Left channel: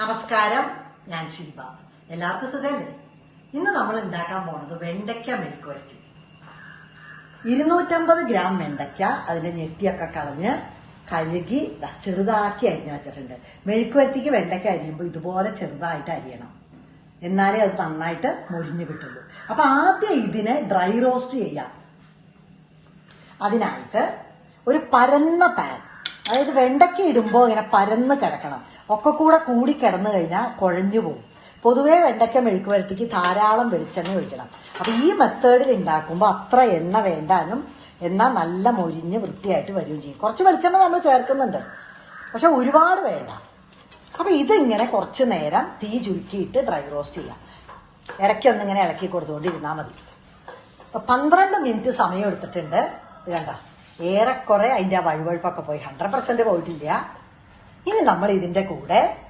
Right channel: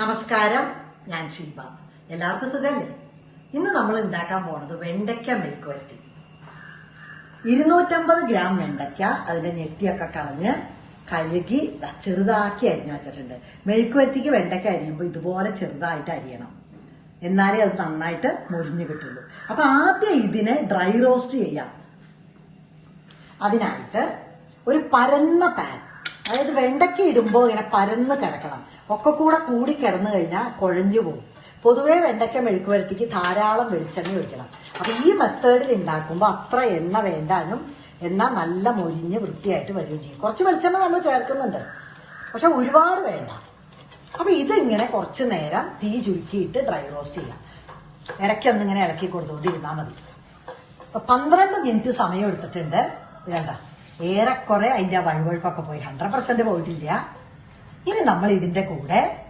നമസ്കാരം ഞാൻ ശിൽപ. എല്ലാവർക്കും സുഖമല്ലേ ഇന്ന് നമ്മൾ ഉണ്ടാക്കാൻ പോണത് വെണ്ടയ്ക്ക മെഴുക്ക് വരട്ടി. ഇരുന്നൂറ്റമ്പത് ഗ്രാം വെണ്ടയ്ക്ക അതിന്റെ ഞെട്ടിയൊക്കെ കളഞ്ഞ് കഴുകി ചെറുതാക്കി അരിഞ്ഞു വെച്ചിട്ടുണ്ട്. മെഴുക്ക് വരത്തിക്ക് വെണ്ടയ്ക്ക അരിയുമ്പോൾ ഇതുപോലെ ചെറുതായിട്ട് അരിയണം. എന്നാലേ അത് നന്നായിട്ട് മുരിഞ്ഞു കിട്ടുള്ളൂ. അപ്പൊ ആദ്യം ഇതിനെ ഡ്രൈ റോസ്റ്റ് ചെയ്യാം. അതിനായിട്ട് ഒരു പരന്ന പാൻ അതായത് വെണ്ടയ്ക്ക ഇടുമ്പോൾ ഇങ്ങനെ പരന്ന് കിടക്കണം. ഒക്കെ കൂടെ കൂടി കിടന്നു കഴിഞ്ഞാൽ കുഴഞ്ഞു പോകും. പൊതുവേ വെണ്ടയ്ക്ക മെഴുക്ക് വരട്ടിക്ക് ധാരാളം വെളിച്ചെണ്ണ ഒഴിക്കണം. അപ്പൊ ഈ മെത്തേഡിൽ ഉണ്ടാക്കുമ്പോൾ അത്ര എണ്ണ വേണ്ടാനും എന്നാൽ നല്ല മൊരിഞ്ഞ് വൃത്തിയായിട്ട് വരികയും ചെയ്യും. കുറച്ച് വെളിച്ചെണ്ണ നമ്മൾ ചേർക്കുന്നുണ്ട്. പക്ഷെ ഒരുപാട് വേണ്ട. അപ്പൊ ഇതിങ്ങനെ കുറച്ച് നേരം തീ ചുരുക്കിയിട്ട് ഡ്രൈ റോസ്റ്റ് ചെയ്യാം. ഇടയ്ക്കൊന്നിങ്ങനെ ഇളക്കി കൊടുത്തുകൊണ്ടിരുന്നാൽ മതി. പന്ത്രണ്ട് മിനിറ്റ് സമയം എടുത്തിട്ടുണ്ട്. കണ്ട ഏറെക്കുറെ അതിന്റെ വഴുവഴുപ്പൊക്കെ പോയി. ഹൺഡ്രഡ് പെർസെന്റ് പോയിട്ടില്ല. ഇനി നമ്മൾ ഇതിന്റെ കൂടെ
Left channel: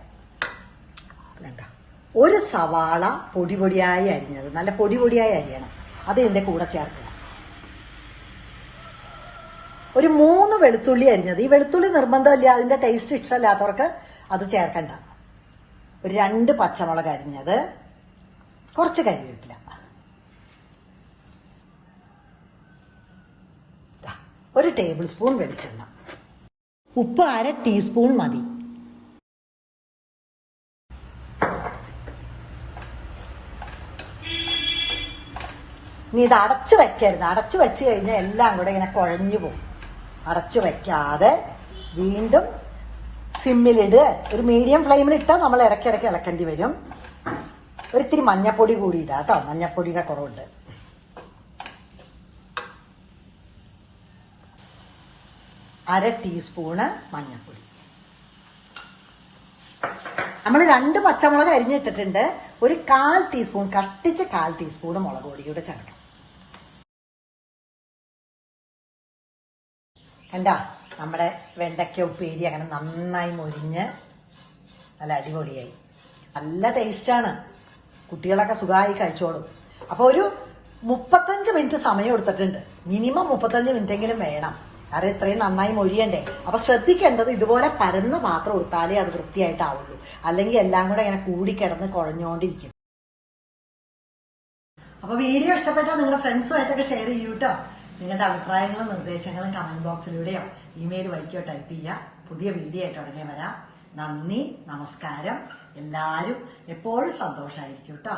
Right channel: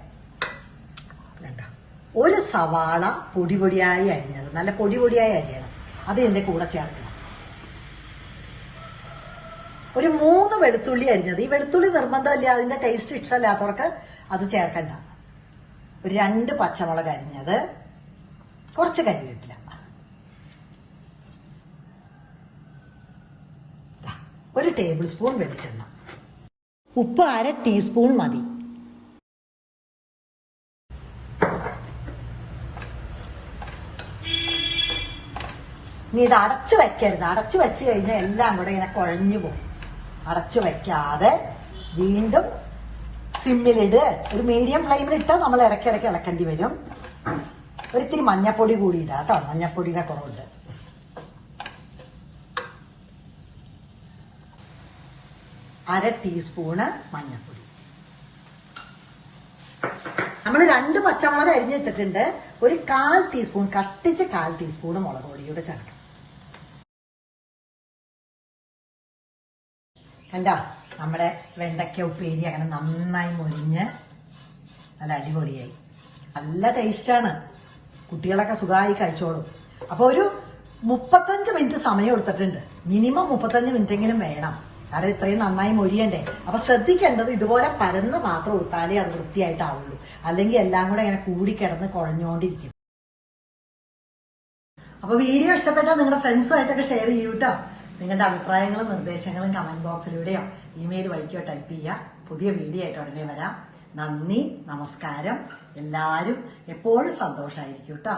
ഒരു സവാള പൊടി പൊടിയായി അരിഞ്ഞത്. നല്ല പൊടി പൊടിയായി അരിയണം. അത് ഇതിന്റെ കൂടെ ചേർക്കണം ഒരു മൂന്ന് വെളുത്തുള്ളി അരിഞ്ഞത്. ഈ വെളുത്തുള്ളി നിർബന്ധമില്ല. അതിന്റെ ടേസ്റ്റ് ഇഷ്ടമില്ലാത്തവർക്ക് അത് ചേർക്കണ്ട. ഒരു രണ്ട് പച്ചമുളക് അരിഞ്ഞത്. കുറച്ച് കരിവേപ്പില. ഒരു ടേബിൾ സ്പൂൺ വെളിച്ചെണ്ണ. ഉപ്പ് അര ടീസ്പൂൺ മതി. നീ ഇത് അടച്ചു വെക്കരുത്. അടച്ചു വെച്ച് കഴിഞ്ഞാൽ എല്ലാം കൂടെ ഇങ്ങനെ കുഴഞ്ഞു പോകും. അടച്ചു വെക്കാതെ വീണ്ടും സിമ്മിലിട്. ഒരു മീഡിയം ഫ്ലെയിമിൽ ഇട്ടാൽ നമ്മൾ ഇടയ്ക്കിടയ്ക്ക് ഇളക്കേണ്ടി വരും. ഒരിത്തിരി മഞ്ഞപ്പൊടി കൂടി ഇടാം കേട്ടോ. മഞ്ഞപ്പൊടിയുടെ കുറവുണ്ട്. അര ടീസ്പൂണ് മഞ്ഞൾപ്പൊടി. നമ്മൾ രണ്ട് പച്ചമുളക് അരിഞ്ഞിട്ടിട്ടുണ്ട്. ഒരു കാൽ ടീസ്പൂൺ കട്ടിച്ച് കാൽ ടീസ്പൂൺ മുളക് പൊടിയുടെ ചേർക്കാം കണ്ട? നമ്മുടെ വെണ്ടയ്ക്ക ഉപ്പേരി അങ്ങനെ നന്നായി മൊരിഞ്ഞ് നല്ല അടിപൊളിയായി. നല്ല ടേസ്റ്റാണ് കുട്ടികളൊക്കെ സുഖമായി കഴിച്ചോളും. അപ്പോൾ ഒരു മുപ്പത്തഞ്ച് മിനിറ്റ് സമയം എടുത്തിട്ടുണ്ട്. മിനിമം മുപ്പത്തഞ്ച് മിനിറ്റ് എങ്കിലും വേണം. കാരണം ഇത്രയും നന്നായി മൊഴിയണ്ടേ? അപ്പൊ ശ്രദ്ധിക്കേണ്ടത് ഇതുപോലെ പരന്ന മാത്രം എടുത്താലേ അത് വൃത്തിയായിട്ടാവുള്ളൂ. അല്ലെങ്കിൽ എല്ലാം കൂടെ ഇങ്ങനെ കൂടിക്കിടന്ന് കുഴഞ്ഞുകൊണ്ടിരിക്കും അപ്പൊ വീഡിയോ ഇഷ്ടപ്പെട്ടാൽ നിങ്ങളുടെ ഫ്രണ്ട്സുമായിട്ടൊക്കെ ഷെയർ ചെയ്യൂ കേട്ടോ നിങ്ങളുടെ അഭിപ്രായങ്ങളും നിർദ്ദേശങ്ങളും കമന്റ് ബോക്സിലൂടെയോ ഇമെയിൽ വഴിക്കോ ടൈപ്പ് ചെയ്യുക പുതിയ വീഡിയോ ആയിട്ട് ഉടനെ വരാം. നന്ദി നമസ്കാരം. എല്ലാവരും എപ്പോഴും സന്തോഷമായിരിക്കും കേട്ടോ